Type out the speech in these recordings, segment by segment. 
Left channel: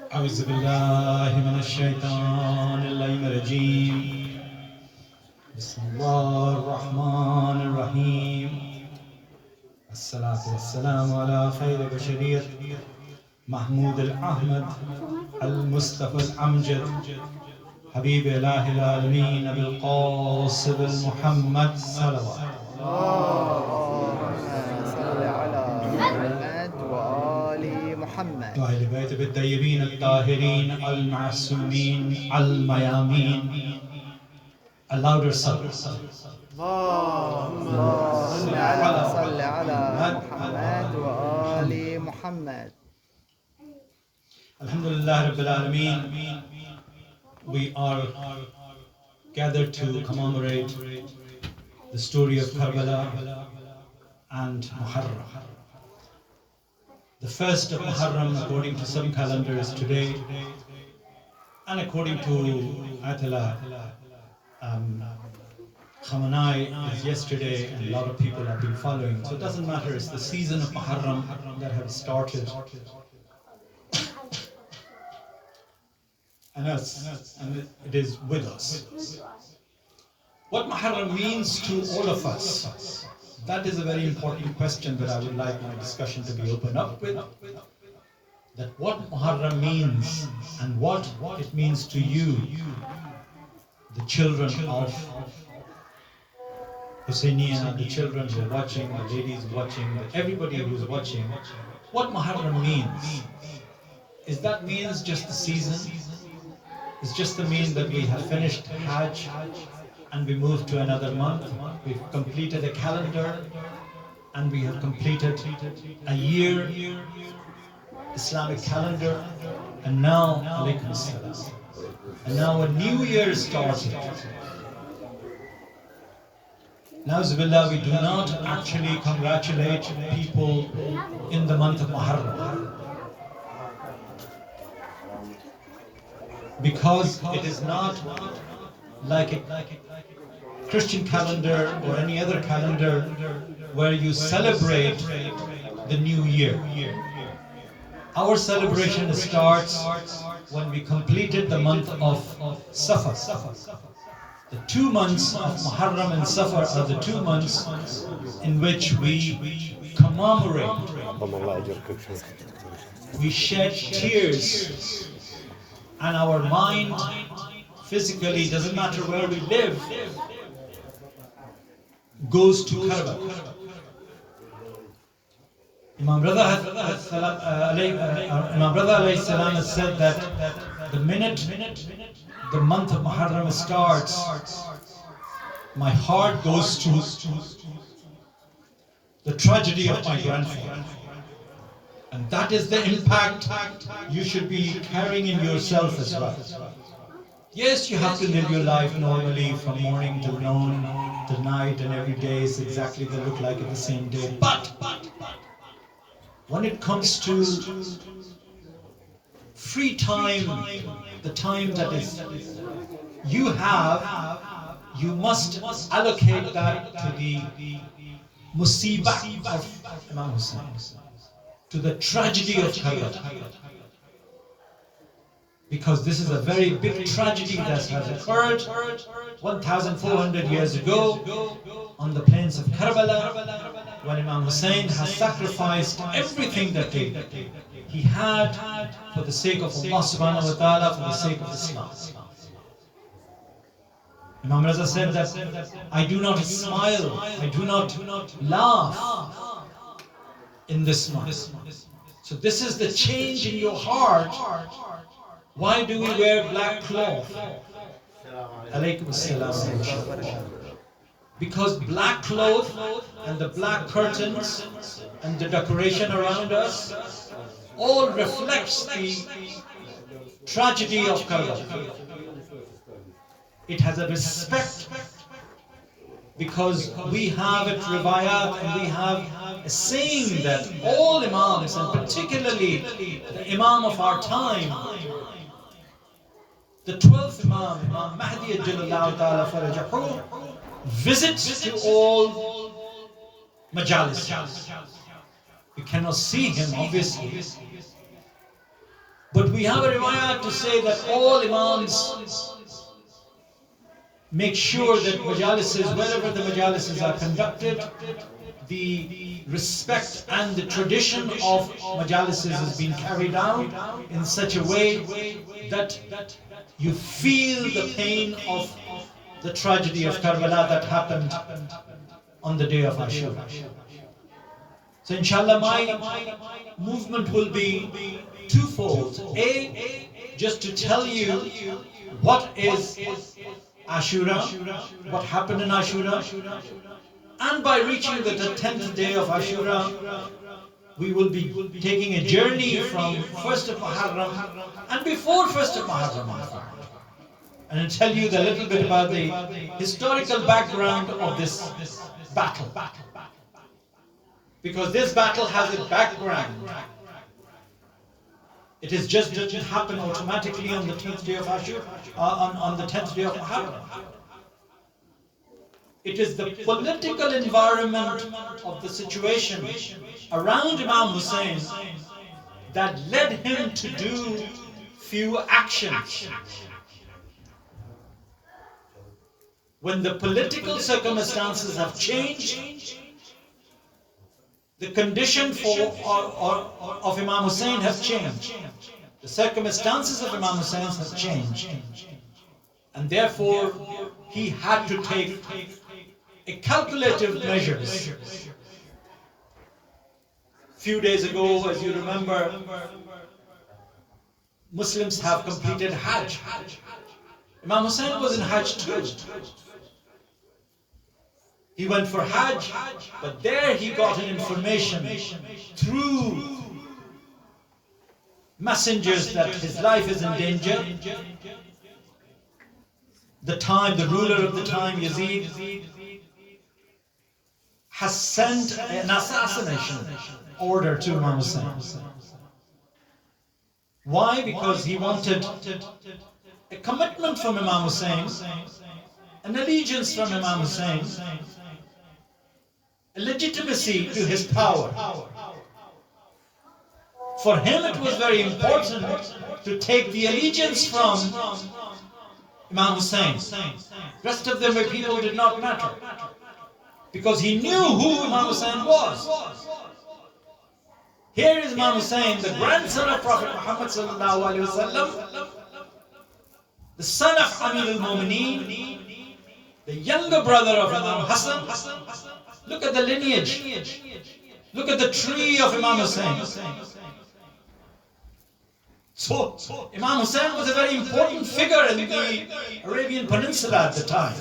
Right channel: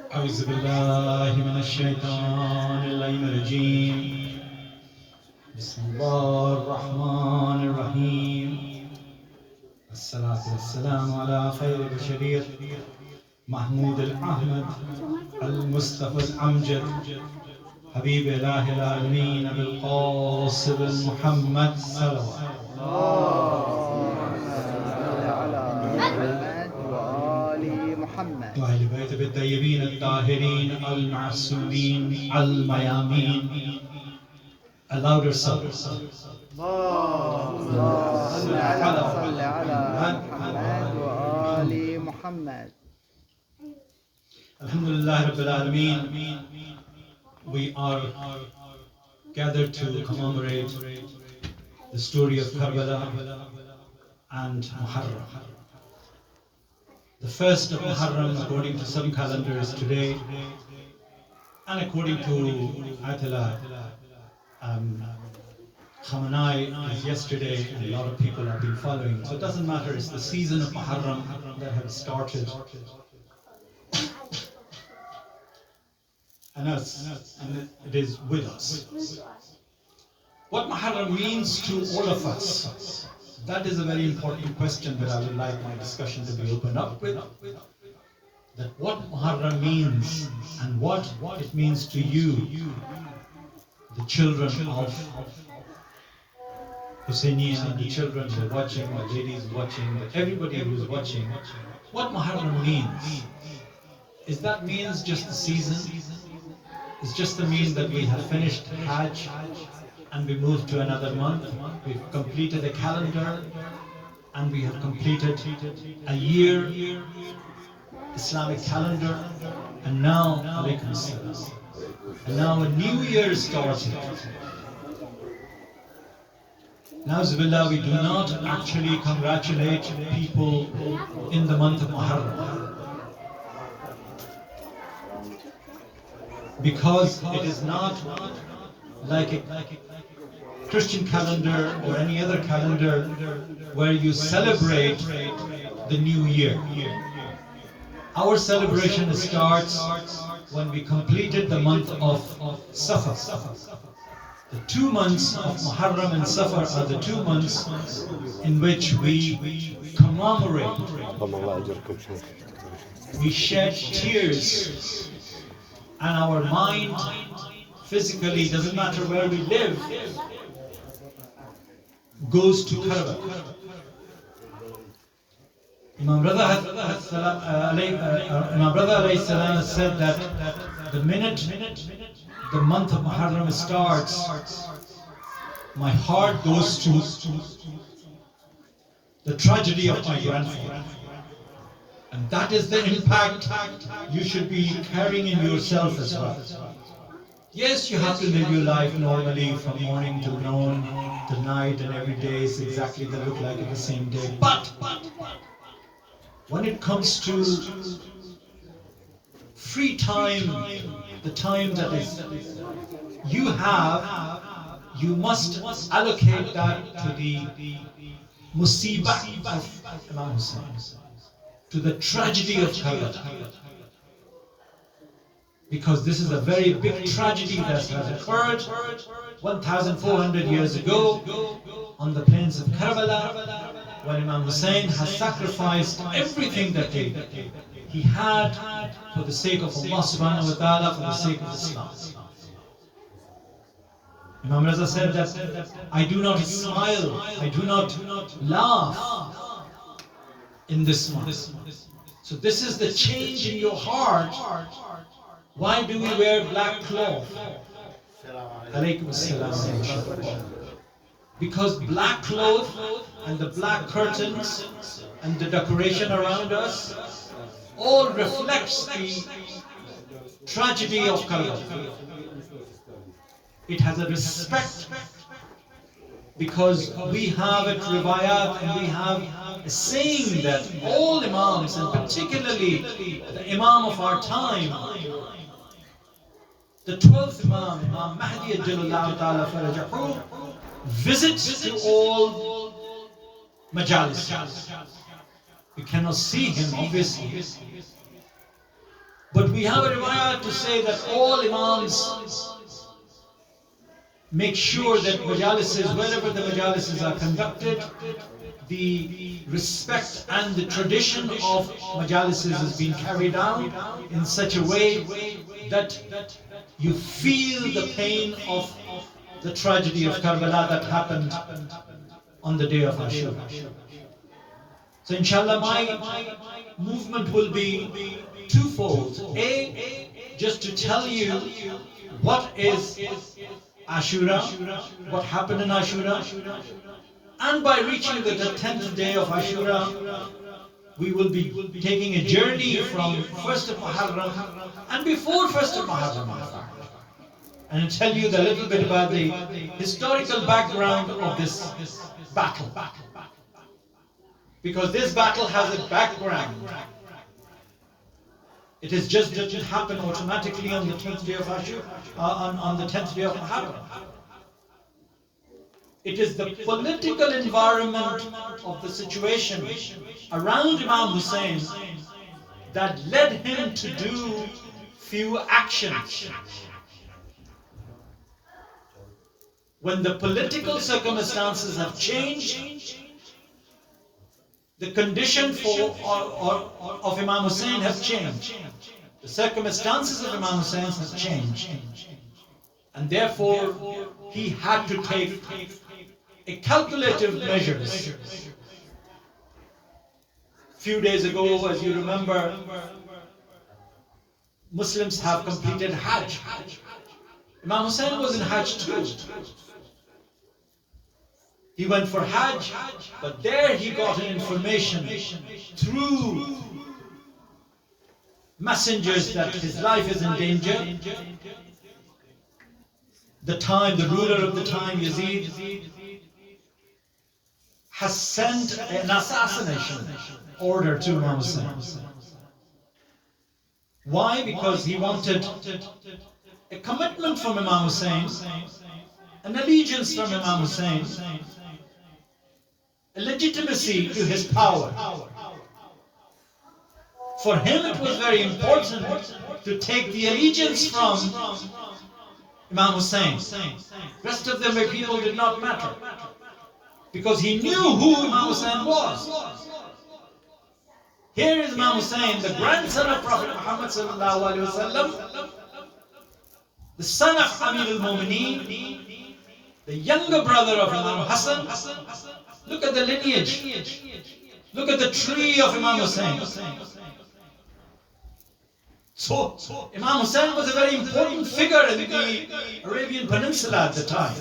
أعوذ بالله من الشيطان اللعين الرجيم بسم الله الرحمن الرحيم الصلاة والسلام على خير بشرية محمود الأحمد المصطفى الأمجد حبيب إله العالمين أبي القاسم المحمد صلوات وأهل بيت الطيبين الطاهرين المعصومين الميامين. A louder sound. صل على محمد وآل محمد. Alhamdulillah Rabbil Alameen. We are gathered to commemorate the story of Karbala and Muharram. The first of Muharram, according to some calendars, today, and according to Ayatollah Khamenei, is yesterday, and a lot of people have been following. So it doesn't matter, it's the season of Muharram that has started. And it is with us. What Muharram means to all of us, that is a very important question that I would like my discussion to be opened up with. That what Muharram means and what it means to you, the children of Husseiniya, the children who are watching, the ladies watching, everybody who's watching, what Muharram means. Is that means just the season? Is just the mean that we have finished Hajj and we move to another month? We've completed a calendar and we have completed a year, Islamic calendar, and now, alaykum salam, and now a new year started. Now, Zubillah, we do not actually congratulate people in the month of Muharram, because it is not like a Christian calendar or any other calendar where you celebrate the new year. Our celebration starts when we completed the month of Safar. The 2 months of Muharram and Safar are the 2 months in which we commemorate, we shed tears, and our mind physically, doesn't matter where we live, goes to Karbala. Imam Reza alayhi salam has said that the minute the month of Muharram starts, my heart goes to the tragedy of my grandfather. And that is the impact you should be carrying in yourself as well. Yes, you have to live your life normally from morning to noon to night, and every day is exactly they look like it the same day. But when it comes to free time, the time that is you have, you must allocate that to the musibah of Imam Hussein, to the tragedy of Karbala. Because this is a very big tragedy that has occurred 1,400 years ago on the plains of Karbala, when Imam Hussein has sacrificed everything that he had for the sake of Allah subhanahu wa ta'ala, for the sake of Islam. Imam Reza said that I do not smile, I do not laugh in this month. So this is the change in your heart. Why do we wear black cloth? Alaykum salam. Because black cloth and the black curtains and the decoration around us all reflects the tragedy of Karbala. It has a respect because we have a riwayat and we have a saying that all Imams, and particularly the Imam of our time, the 12th Imam, Imam Mahdi Ajjallahu Ta'ala Farajahu, visits to all Majalis. We cannot see him, obviously, but we have a riwayat to say that all Imams make sure that Majalises, wherever the Majalises are conducted, the respect and the tradition of Majalises is being carried out in such a way that you feel the pain of the tragedy of Karbala that happened on the day of Ashura. So inshallah, my movement will be twofold. A, just to tell you what is Ashura, what happened in Ashura, and by reaching the 10th day of Ashura, we will be taking a journey from 1st of Muharram and before 1st of Muharram, and tell you a little bit about the historical background of this battle. Because this battle has a background. It didn't happen automatically on the 10th day of Ashura, on the 10th day of Muharram. It is the political environment of the situation around Imam Hussein that led him to do few actions. When the political circumstances have changed, the condition of Imam Hussein has changed. The circumstances of Imam Hussein have changed. And therefore, he had to take a calculative measures. Few days ago, as you remember, Muslims have completed Hajj. Imam Hussein was in Hajj too. He went for Hajj, but there he got an information through messengers that his life is in danger. The ruler of the time, Yazid, has sent an assassination order to Imam Hussein. Why? Because he wanted a commitment from Imam Hussein, an allegiance from Imam Hussein, a legitimacy to his power. For him it was very important to take the allegiance from Imam Hussein. Rest of them were people did not matter. Because he knew who Imam Hussein was. Here is Imam Hussein, the grandson of Prophet Muhammad sallallahu alaihi wasallam, the son of Amir al-Mu'mineen, the younger brother of Imam Hassan. Look at the lineage. Look at the tree of Imam Hussein. So, Imam Hussein was a very important figure in the Arabian Peninsula at the time.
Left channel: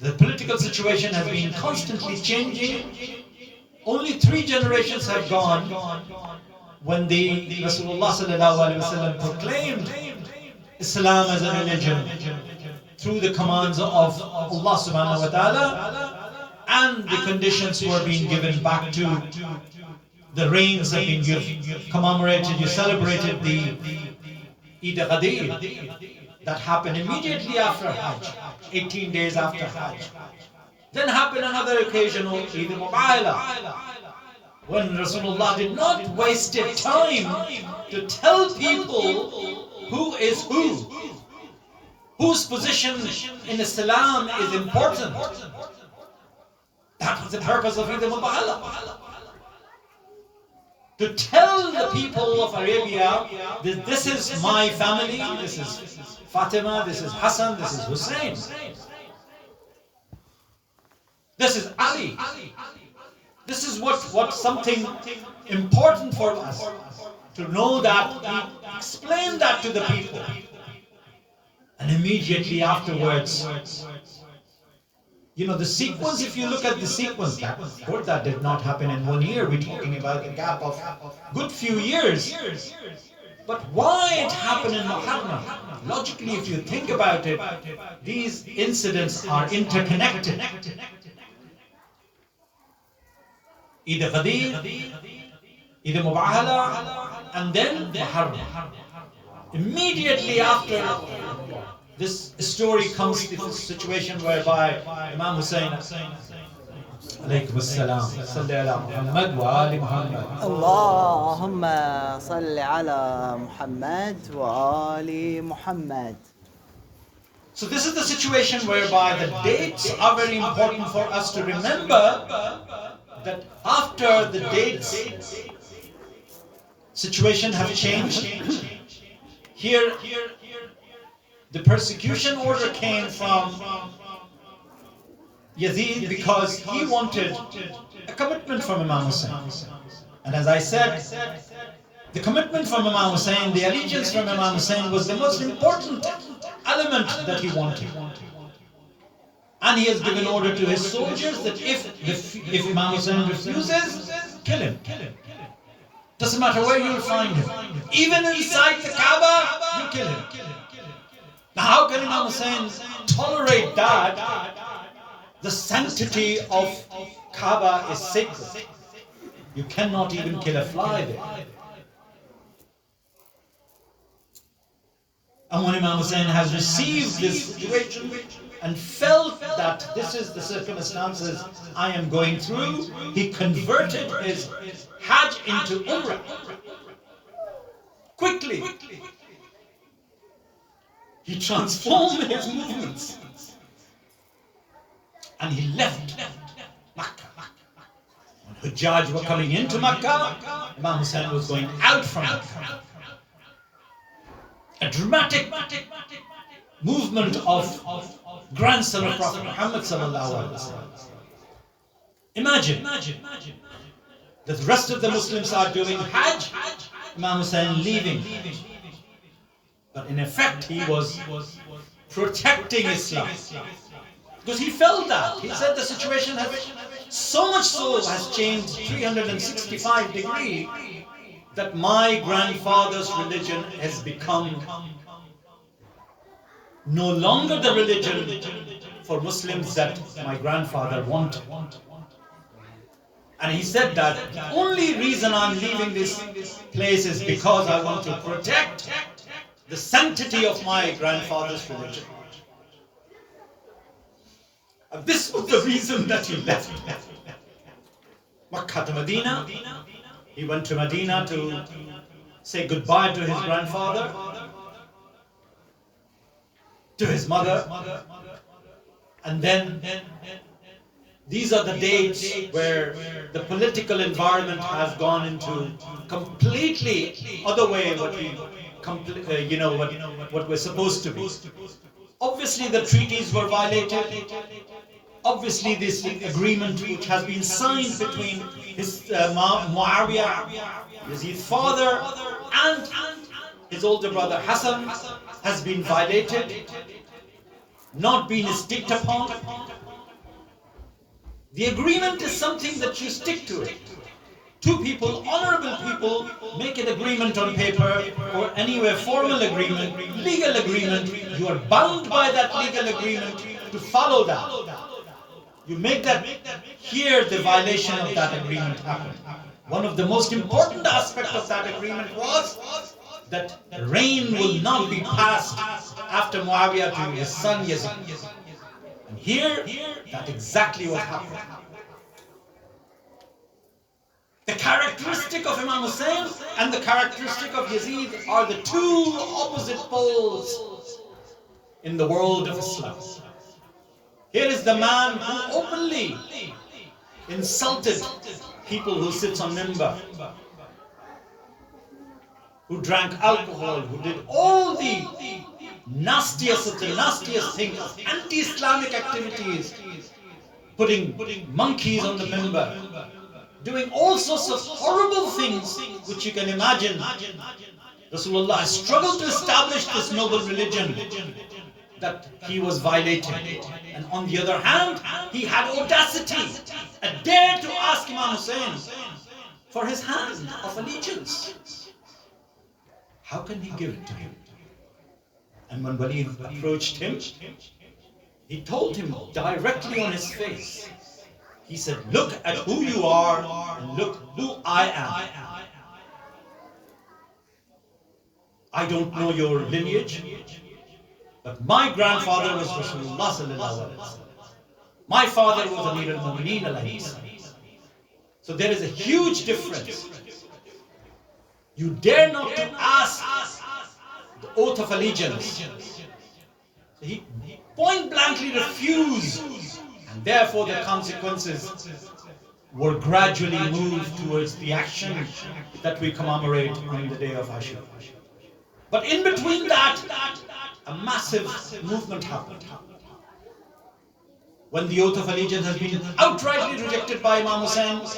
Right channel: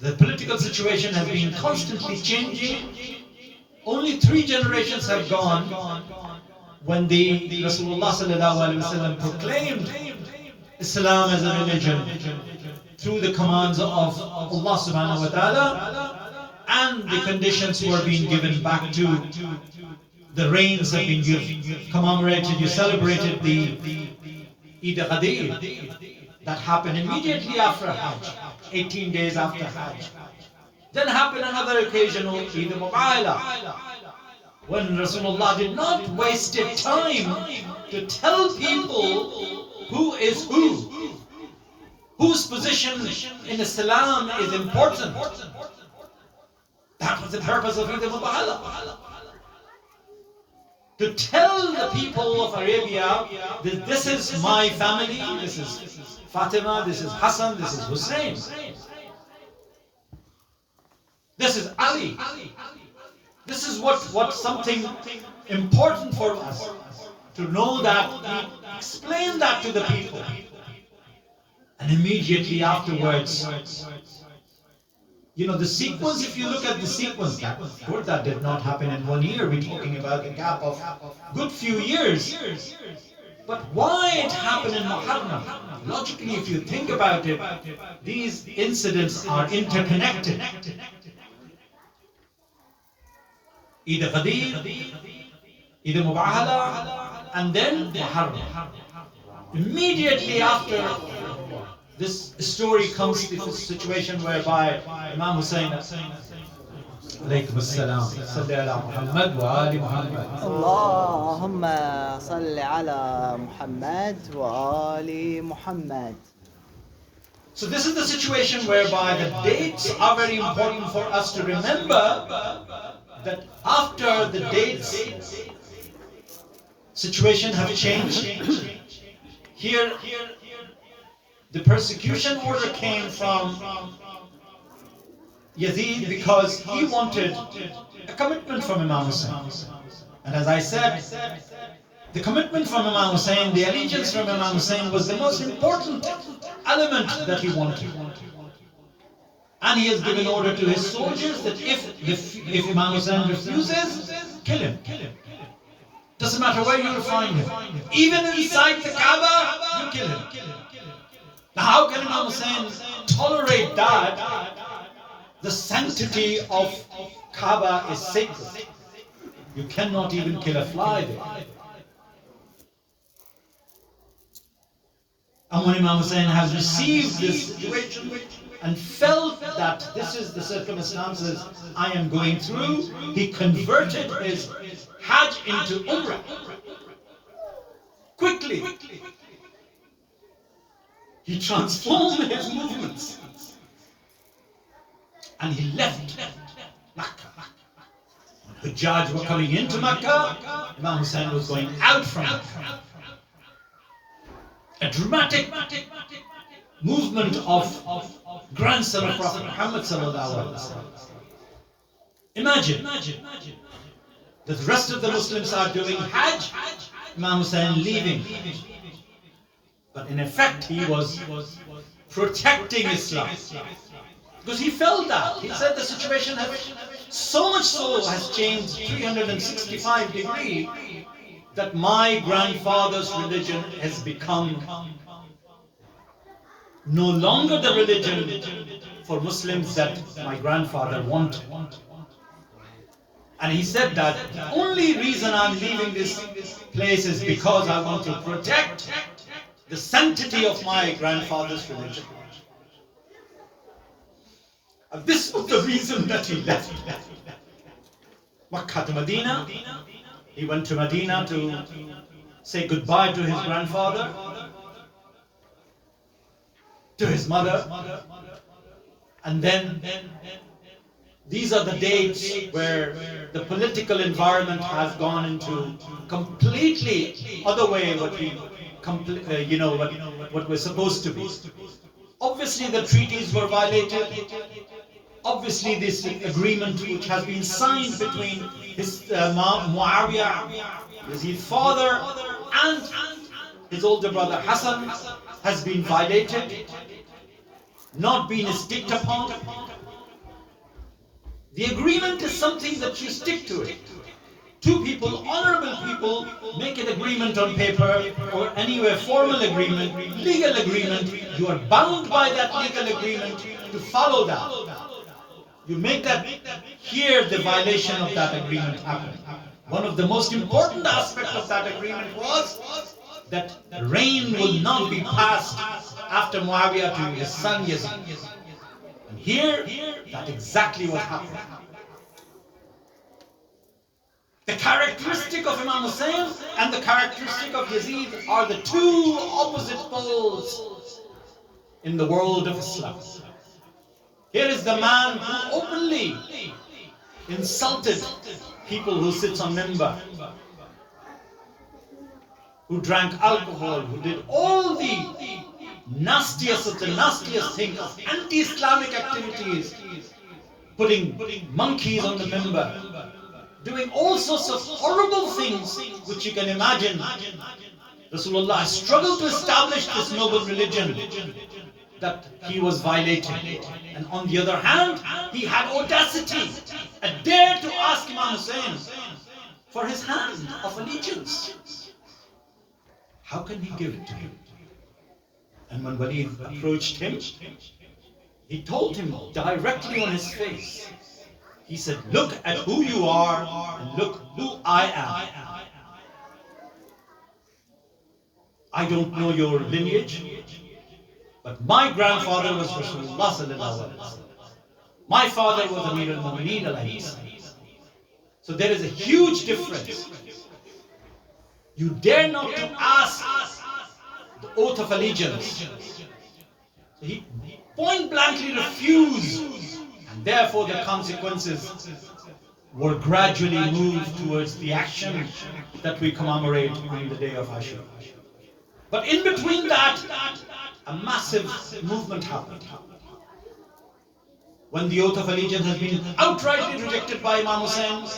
The political situation has been constantly changing. Only 3 generations have gone when the Rasulullah sallallahu alaihi wasallam proclaimed Islam as a religion through the commands of Allah subhanahu wa ta'ala, and the conditions were being given back to the rains have been commemorated. You celebrated the Eid al-Qadir that happened immediately after Hajj, 18 days after Hajj. Then happened another occasion, Eid al-Mubahala, when Rasulullah did not waste time to tell people who is who, whose position in Islam is important. That was the purpose of Eid al-Mubahala. To tell the people of Arabia that this is my family, this is Fatima, this is Hassan, this is Hussein, this is Ali. This is what something important for us to know, that we explain that to the people. And immediately afterwards, you know, the sequence, if you look at the sequence, that did not happen in 1 year. We're talking about a gap of a good few years. But why it happened in Muharram? Logically, if you think about it, these incidents are interconnected. Eid al-Qadir, Eid al-Mubahala, and then Muharram. Immediately after this story comes to the situation whereby Imam Hussein Alaykum as-salam. Salli ala Muhammad wa ali Muhammad. اللهم صل على محمد وآل محمد. So this is the situation whereby the dates are very important for us to remember, that after the dates situation have changed. Here the persecution order came from Yazid because he wanted a commitment from Imam Hussein. And as I said, the commitment from Imam Hussein, the allegiance from Imam Hussein was the most important element that he wanted. And he has given order to his soldiers that if Imam Hussein refuses, kill him. Doesn't matter where you'll find him. Even inside the Kaaba, you kill him. Now how can Imam Hussein tolerate that? The sanctity of Kaaba is sacred. You cannot even kill a fly there. And when Imam Hussein has received this situation and felt that this is the circumstances I am going through, he converted his Hajj into Umrah. Quickly. He transformed his movements. And he left Makkah. When Hujjaj were coming into Makkah, Imam Hussein was going out from Makkah. A dramatic movement of grandson of Prophet Muhammad sallallahu alaihi wasallam. Imagine that the rest of the Muslims are doing Hajj, Imam Hussein leaving. But in effect, he was protecting Islam. Because he felt that. He said the situation has so much so has changed 365 degrees that my grandfather's religion has become no longer the religion for Muslims that my grandfather wanted. And he said that the only reason I'm leaving this place is because I want to protect the sanctity of my grandfather's religion. And this was the reason that he left Makkah to Medina. He went to Medina to say goodbye to his grandfather, to his mother. And then these are the dates where the political environment has gone into completely other way what we're supposed to be. Obviously the treaties were violated. Obviously this agreement which has been signed between his Muawiyah, his father, and his older brother Hassan has been violated, not been sticked upon. The agreement is something that you stick to it. Two people, honorable people, make an agreement on paper or anywhere, formal agreement, legal agreement. You are bound by that legal agreement to follow that. You make that, here the violation of that agreement happened. One of the most important aspects of that agreement was that rain will not be passed after Muawiyah to his son Yazid. And here, that exactly what happened. The characteristic of Imam Hussein and the characteristic of Yazid are the two opposite poles in the world of Islam. Here is the man who openly insulted people who sits on minbar, who drank alcohol, who did all the nastiest of the nastiest things, of anti-Islamic activities, putting monkeys on the minbar, doing all sorts of horrible things which you can imagine. Rasulullah struggled to establish this noble religion that he was violating. And on the other hand, he had audacity, a dare to ask Imam Hussein for his hand of allegiance. How can he give it to him? And when Walid approached him, he told him directly on his face. He said, look at who you are and look who I am. I don't know your lineage, but my grandfather was Rasulullah sallallahu alaihi wasallam. My father was Amir al-Mu'mineen alayhi salam. So there is a huge difference. You dare not to ask the oath of allegiance. So he point blankly refused, and therefore the consequences were gradually moved towards the action that we commemorate on the day of Ashura. But in between that, a massive movement happened. When the oath of allegiance has been outrightly rejected by Imam Hussein,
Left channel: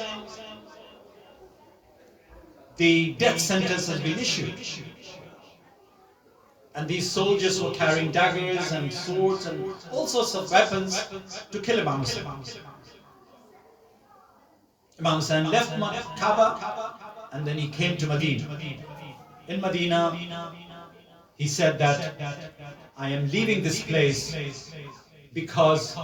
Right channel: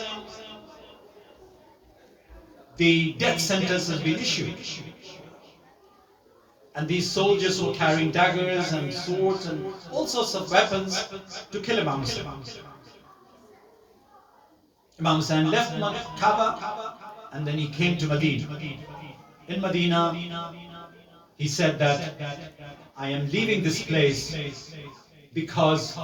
the death sentence has been issued. And these soldiers were carrying daggers and swords and all sorts of weapons to kill Imam Hussein. Imam Hussein left Kaaba and then he came to Medina. In Medina, he said that I am leaving this place because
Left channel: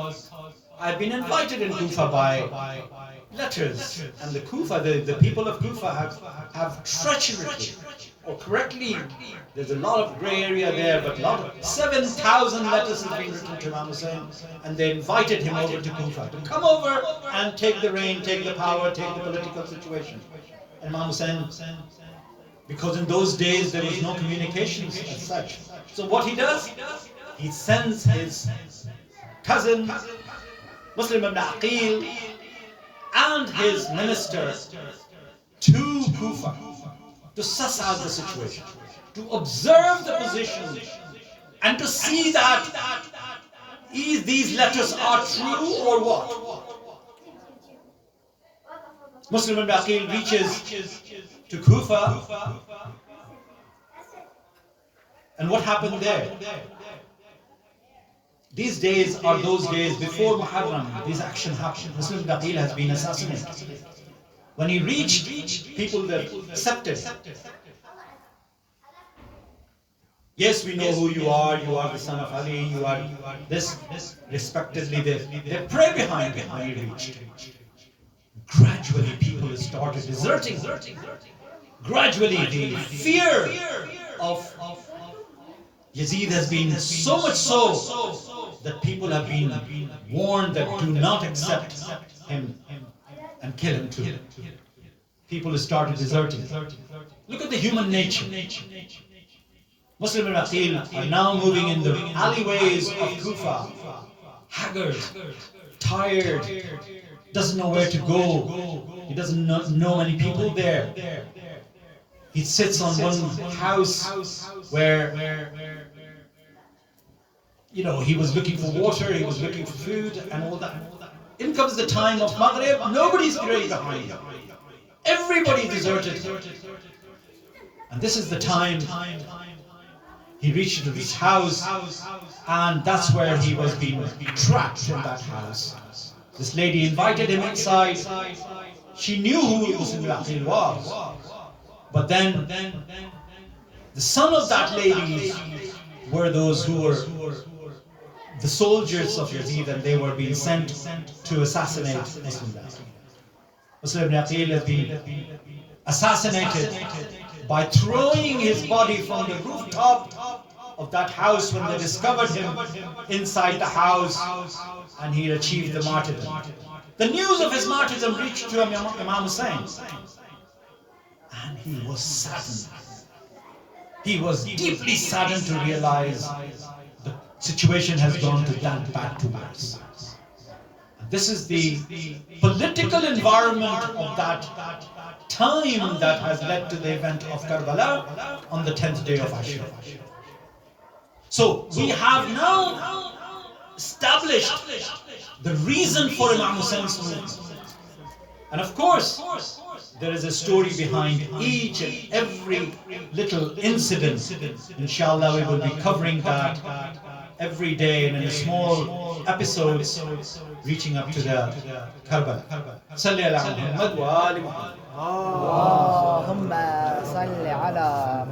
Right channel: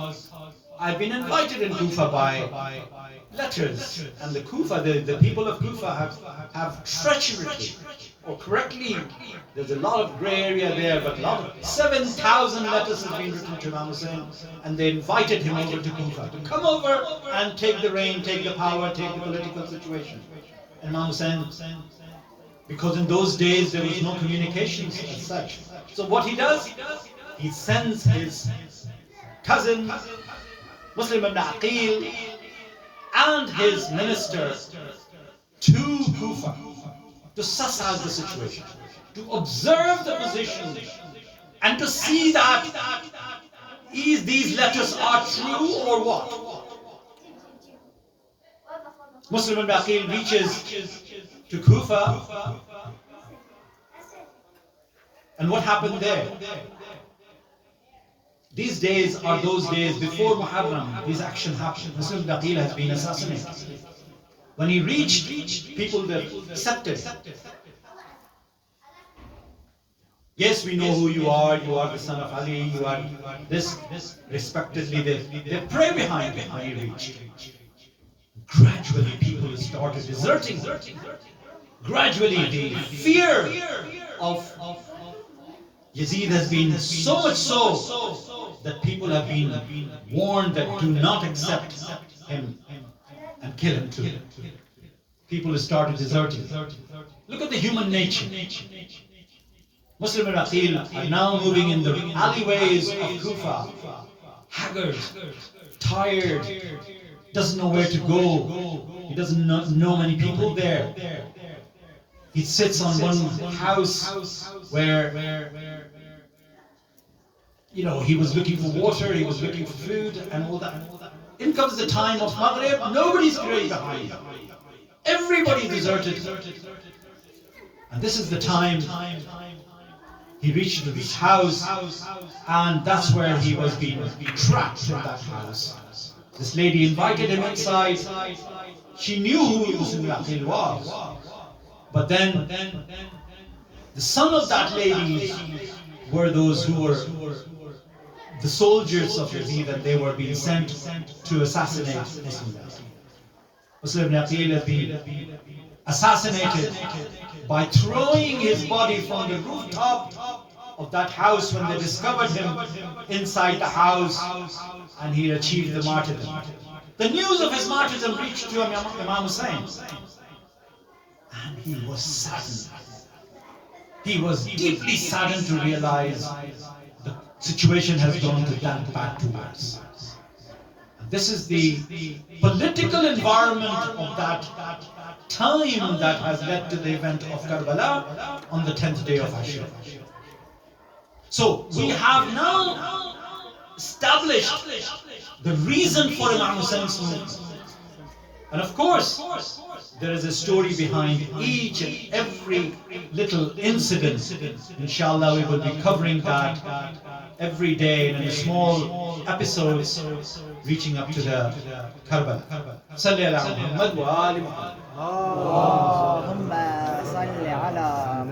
I've been invited in Kufa by letters, and the Kufa, the people of Kufa have treacherously or correctly, there's a lot of grey area there, but 7,000 letters have been written to Imam Hussein, and they invited him over to Kufa to come over and take the reign, take the power, take the political situation. And Imam Hussein, because in those days there was no communications as such, so what he does, he sends his cousin Muslim ibn Aqil and his minister to Kufa to suss out the situation, to observe the position, and to see that these letters are true or what. Muslim ibn Aqil reaches to Kufa, and what happened there? These days are those days before Muharram, this action happened. Muslim ibn Aqil has been assassinated. When he reached, people were accepted. Yes, we know who you are the son of Ali, you are this, respectedly, they pray behind him when he reached. Gradually people started deserting. Gradually the fear of Yazid has been so much so that people have been warned that do not accept him and kill him too. People started deserting. Look at the human nature. Muslim ibn Aqil are now moving in the alleyways of Kufa, haggard, tired, doesn't know where to go. He doesn't know many people there. He sits on one house where he was looking for water, he was looking for food and all that. In comes the time of Maghrib, nobody's praying behind him. Everybody deserted. And this is the time he reached to this house, and that's where he was being trapped in that house. This lady invited him inside. She knew who Muslim Aqil was. But then the son of that lady were those who were the soldiers of Yazid, and they were being sent to assassinate Muslim Aqil. Muslim Aqil has been assassinated by throwing his body from the rooftop of that house when they discovered him inside the house, and he achieved the martyrdom. The news of his martyrdom reached to Imam Hussein, and he was saddened. He was deeply saddened to realize the situation has gone to that back to worse. And this is the political environment of that time that has led to the event of Karbala on the 10th day of Ashura. So we have now established the reason for Imam Hussein's movement. And of course, there is a story behind each and every little incident. Inshallah, we will be covering that every day in a small episodes reaching up to the Karbala. Salli ala Muhammad wa ali Muhammad. اللهم صل على